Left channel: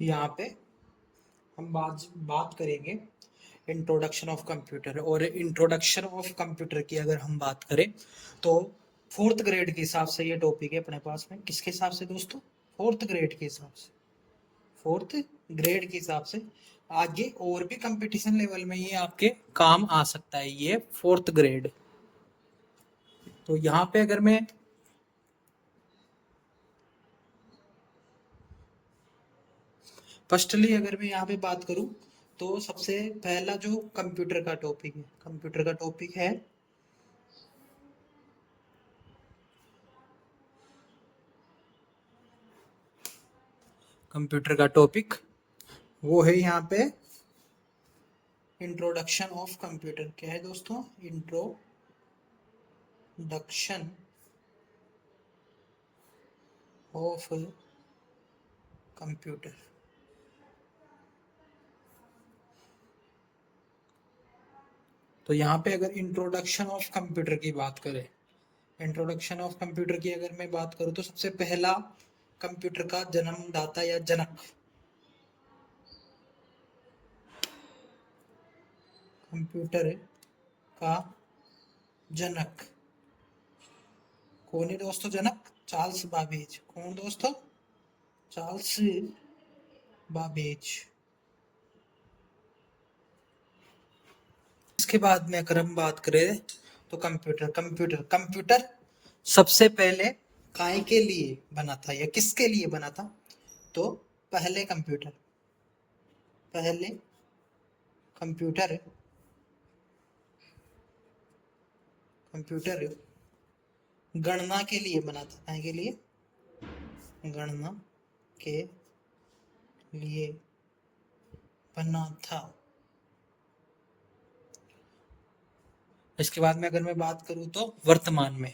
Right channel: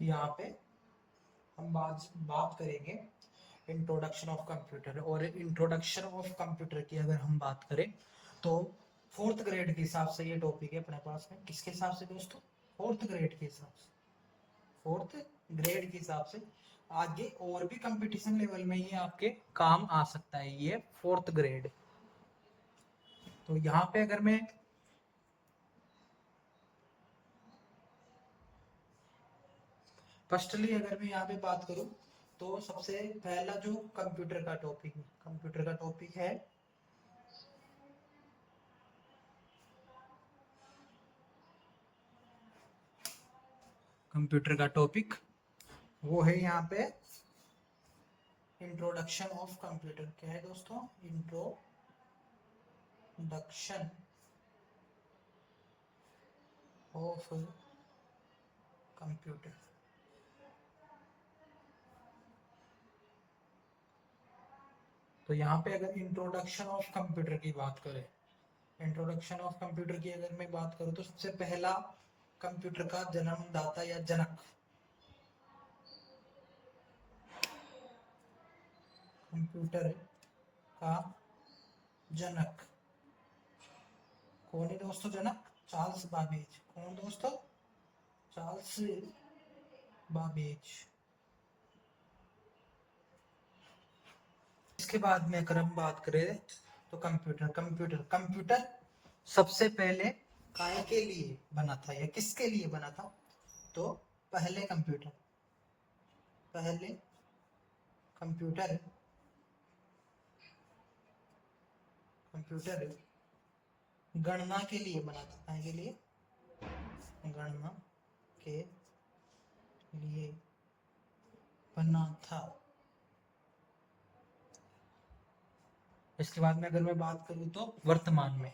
यहाँ पे हम बात बात करेंगे इंट्रोडक्शन ऑफ कंप्यूटर। और इंट्रोडक्शन ऑफ कंप्यूटर की अगर हम बात करें तो फोर्थ ग्रेड के हिसाब से ये टॉपिक है अपने पास में। किसके हिसाब से दोस्तों? फोर्थ ग्रेड के हिसाब से। फोर्थ ग्रेड के हिसाब से आगे और भी कंपटीशन लेवल में ये आपके काम आ सकता है, ये फोर्थ ग्रेड। तो यहाँ पे अगर मैं फर्स्टली अगर मैं यहाँ पे बात करूँ तो सबसे पहला जो कंप्यूटर का टॉपिक है, कंप्यूटर का टॉपिक है कंप्यूटर का टॉपिक वो है यहाँ पे इंट्रोडक्शन ऑफ कंप्यूटर। क्या है दोस्तों? Introduction of computer. तो यहाँ पे अगर इंट्रोडक्शन ऑफ कंप्यूटर की बात करें, इंट्रोडक्शन ऑफ कंप्यूटर की अगर मैं बात करूँ तो सबसे पहला कंप्यूटर का जन्मदाता या जनक, कंप्यूटर का जनक कौन है दोस्तों? जनक चार्ल्स बाबेज। कौन दोस्तों? Charles Babbage. इसके बाद में अगर हम बात करें तो कंप्यूटर कंप्यूटर कंप्यूटर सबसे पहले काय के लिए बना था या किसके लिए बना था? तो पहले कंप्यूटर कंप्यूटर गणना के लिए बना था। काय के लिए? गणना के लिए बना था। इसके बाद में अगर मैं बात करूं तो वर्तमान में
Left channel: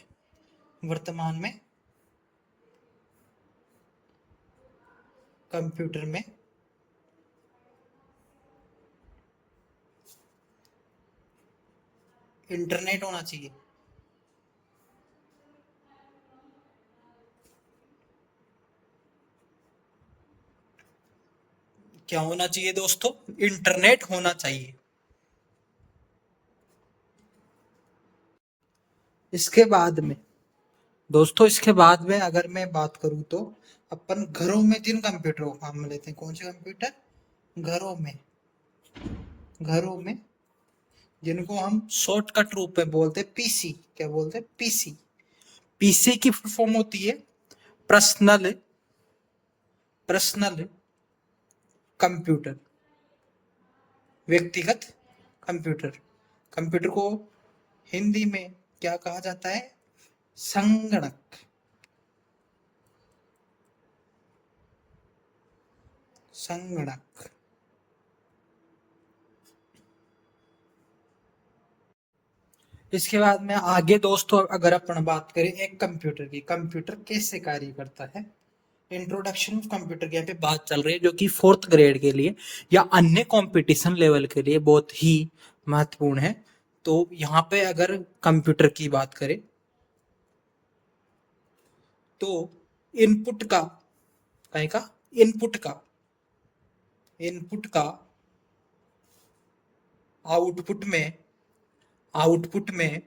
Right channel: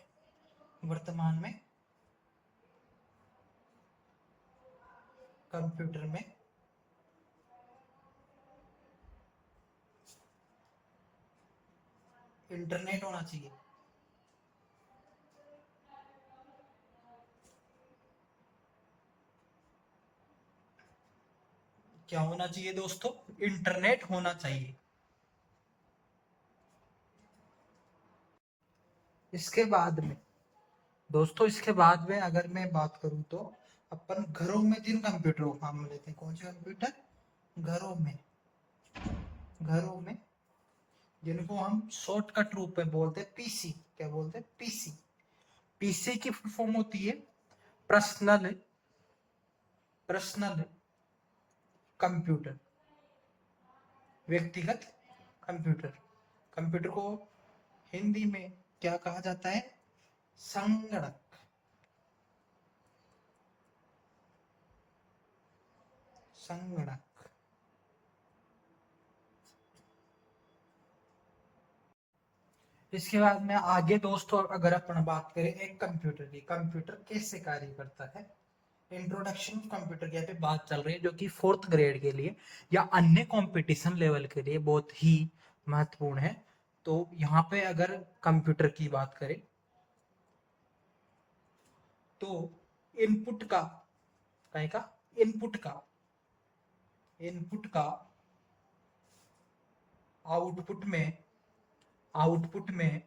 कंप्यूटर में इंटरनेट होना चाहिए। क्या होना चाहिए दोस्तों? इंटरनेट होना चाहिए। इसके बाद में दोस्तों, इसके बाद में अगर मैं बात करूं तो अपन घरों में जिन कंप्यूटरों को हम लेते हैं, कौन से कंप्यूटर? घरों में जिनको हम शॉर्टकट रूप में बोलते हैं पीसी। क्या बोलते हैं? पीसी। पीसी की फुल फॉर्म होती है पर्सनल कंप्यूटर, व्यक्तिगत कंप्यूटर। कंप्यूटर को हिंदी में क्या कहा जाता है? संगणक। संगणक। इसके बाद में आगे दोस्तों अगर अपन बात करें एक कंप्यूटर की, कंप्यूटर कैसे कार्य करता है, इंट्रोडक्शन ऑफ कंप्यूटर की यहाँ पे बात चल रही है, जो कि फोर्थ ग्रेड के लिए या अन्य कंपटीशन लेवल के लिए बहुत ही महत्वपूर्ण है। तो यहाँ पे अगर कंप्यूटर की बात करें तो इनपुट का कहीं का इनपुट का आउटपुट में आउटपुट में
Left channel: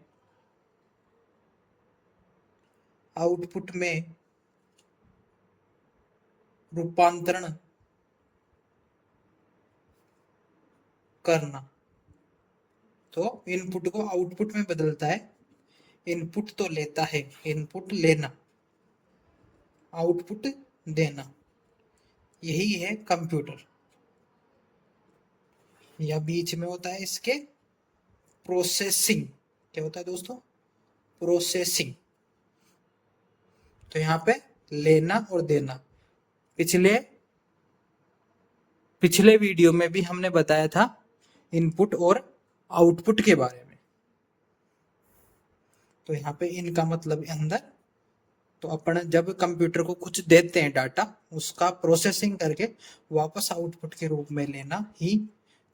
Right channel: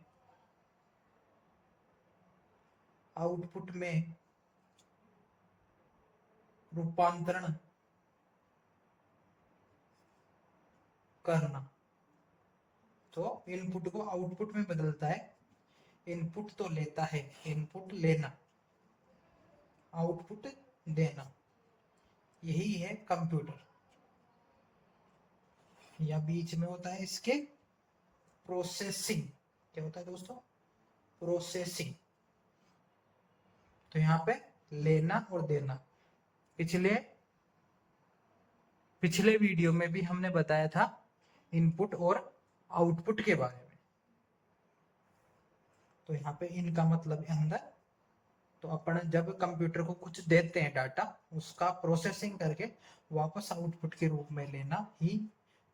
आउटपुट में रूपांतरण करना। तो इनपुट को आउटपुट में बदलता है। इनपुट तो लेता है, इनपुट लेना, आउटपुट देना, यही है कंप्यूटर। या बीच में होता है इसके प्रोसेसिंग। क्या होता है दोस्तों? प्रोसेसिंग। तो यहाँ पे लेना और देना। पिछले पिछले वीडियो में भी हमने बताया था इनपुट और आउटपुट के बारे में। तो यहाँ पे इनका मतलब अंदर, तो अपन जब कंप्यूटर को कुछ देते हैं डाटा, उसका प्रोसेसिंग करके वापस आउटपुट के रूप में लेना ही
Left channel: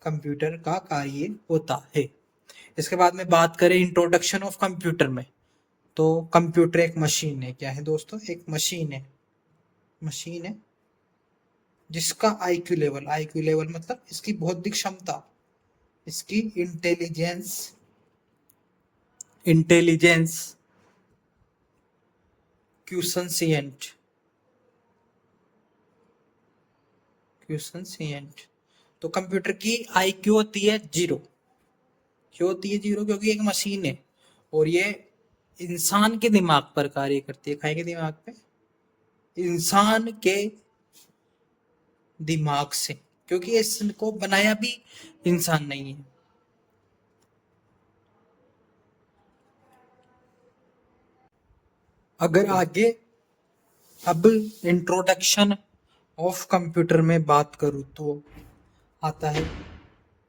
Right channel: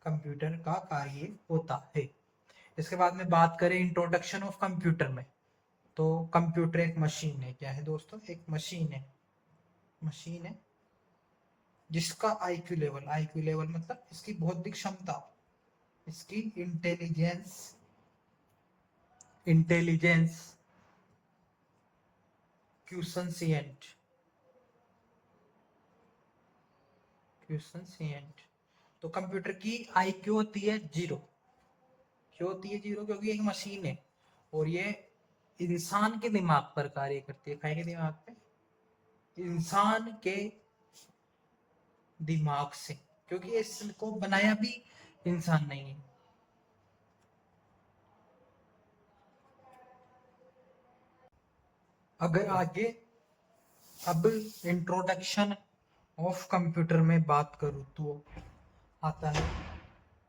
कंप्यूटर का कार्य होता है। इसके बाद में बात करें इंट्रोडक्शन ऑफ कंप्यूटर में, तो कंप्यूटर एक मशीन है। क्या है दोस्तों? एक मशीन है। मशीन है जिसका आईक्यू लेवल मतलब इसकी बौद्धिक क्षमता, इसकी इंटेलिजेंस क्यूसेंसिएंट। तो कंप्यूटर की आईक्यू होती है 0। क्यों होती है 0? क्योंकि एक मशीन है और ये इंसान के दिमाग पर कार्य करती है। खाए के दिमाग पे, इंसान के दिमाग से, क्योंकि इसको बनाया भी इंसान नहीं है। अगर आगे अब इंट्रोडक्शन ऑफ कंप्यूटर में बात करूं तो आता है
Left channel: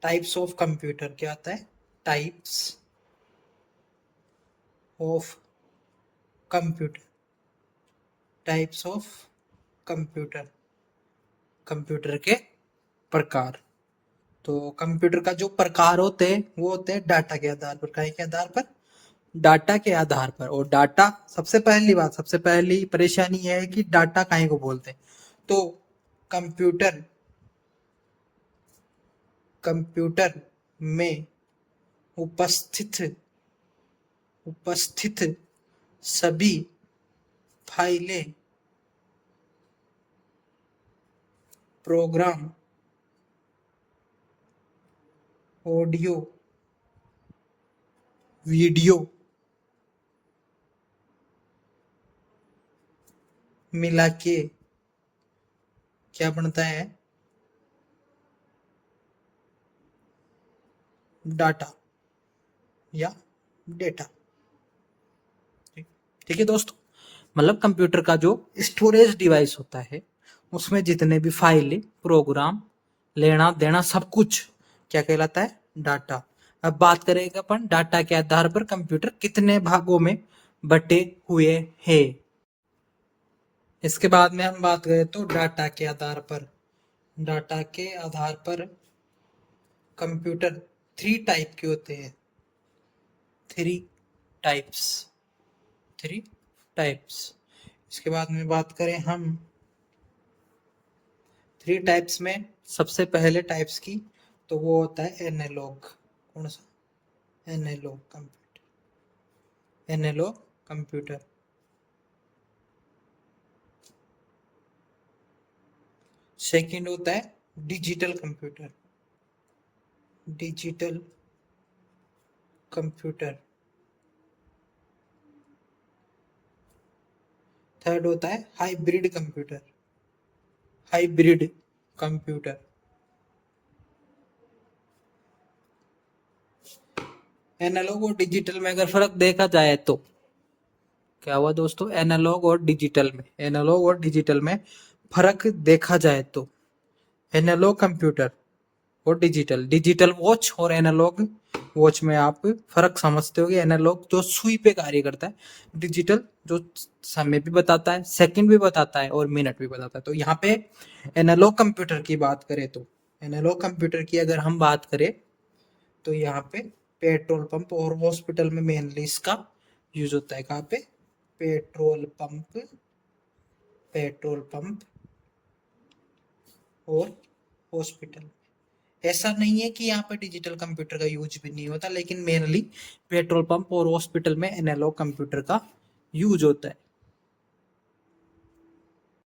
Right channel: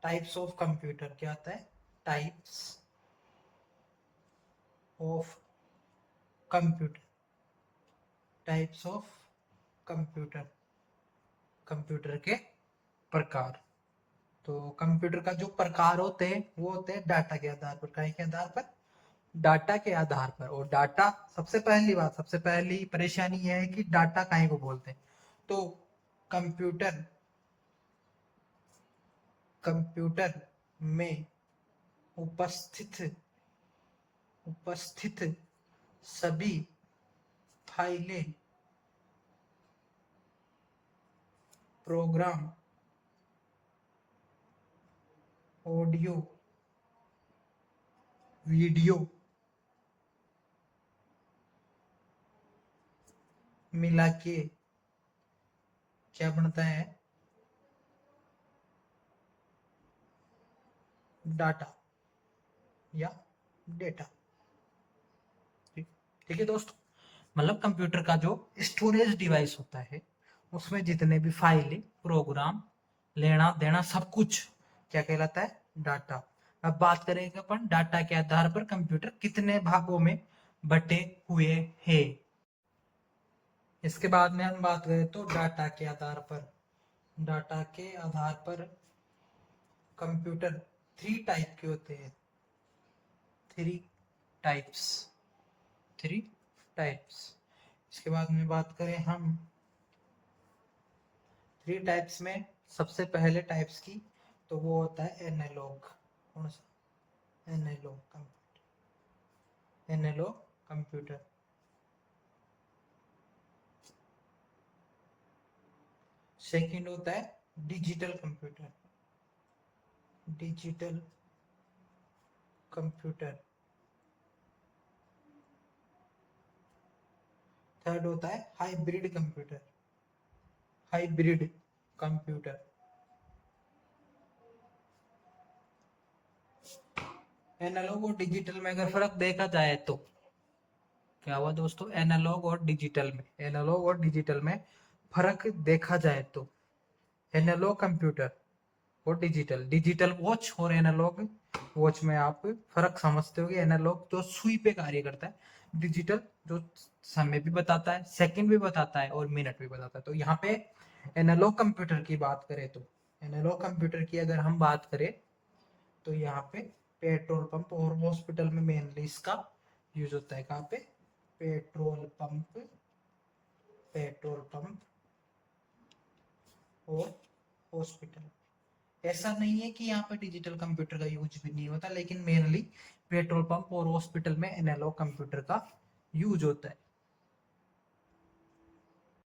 टाइप्स ऑफ कंप्यूटर। क्या आता है? Types of computer. Types of computer, computer के प्रकार। तो कंप्यूटर का जो प्रकार होते हैं वो होते हैं डाटा के आधार पर। क्या के आधार पर? डाटा के आधार पर। और डाटा, सबसे पहली बात, सबसे पहली परेशानी यह है कि डाटा काहे को बोलते हैं। तो कंप्यूटर कंप्यूटर में उपस्थित सभी फाइलें, प्रोग्राम, ऑडियो, वीडियो मिला के क्या बनता है? डाटा या डेटा। ठीक है दोस्तों, मतलब कंप्यूटर का जो स्टोरेज डिवाइस होता है उसमें जितने भी फाइल, प्रोग्राम, लेना देना सब कुछ क्या कहलाता है? डाटा। अब बात करेंगे अपन डाटा के आधार पर कंप्यूटर कितने भागों में बटे हुए हैं। इसके बाद में हम बात करें तो डाटा के आधार पर कंप्यूटर 3 टाइप के होते हैं। 3 टाइप्स, 3 टाइप्स। इसके बाद में बात करें हम 3 टाइप्स में सबसे पहले टाइप्स की, तो वो होता है एनालॉग। कौन सा? Analogue computer. Analogue computer. Second होता है digital computer. Digital computer. Third होता है hybrid computer. Hybrid computer. Analogue और डिजिटल में अगर फर्क देखा जाए तो क्या हुआ दोस्तों? एनालॉग और डिजिटल में फर्क देखा जाए तो एनालॉग कंप्यूटर और डिजिटल वॉच और एनालॉग वॉच में आप फर्क समझते हो कि एनालॉग जो सुई पे कार्य करता है, डिजिटल जो समय भी बताता है, सेकंड भी बताता है और मिनट भी बताता है। तो यहाँ पे एनालॉग कंप्यूटर की बात करें तो, एनालॉग कंप्यूटर की अगर हम बात करें तो यहाँ पे पेट्रोल पंप और हॉस्पिटल में मेनली इसका यूज होता है। कहाँ पे? पेट्रोल पंप और हॉस्पिटल। ऐसा नहीं है कि यहाँ पे डिजिटल कंप्यूटर का यूज भी नहीं होता, लेकिन मेनली पेट्रोल पंप और हॉस्पिटल में एनालॉग कंप्यूटर का यूज होता है।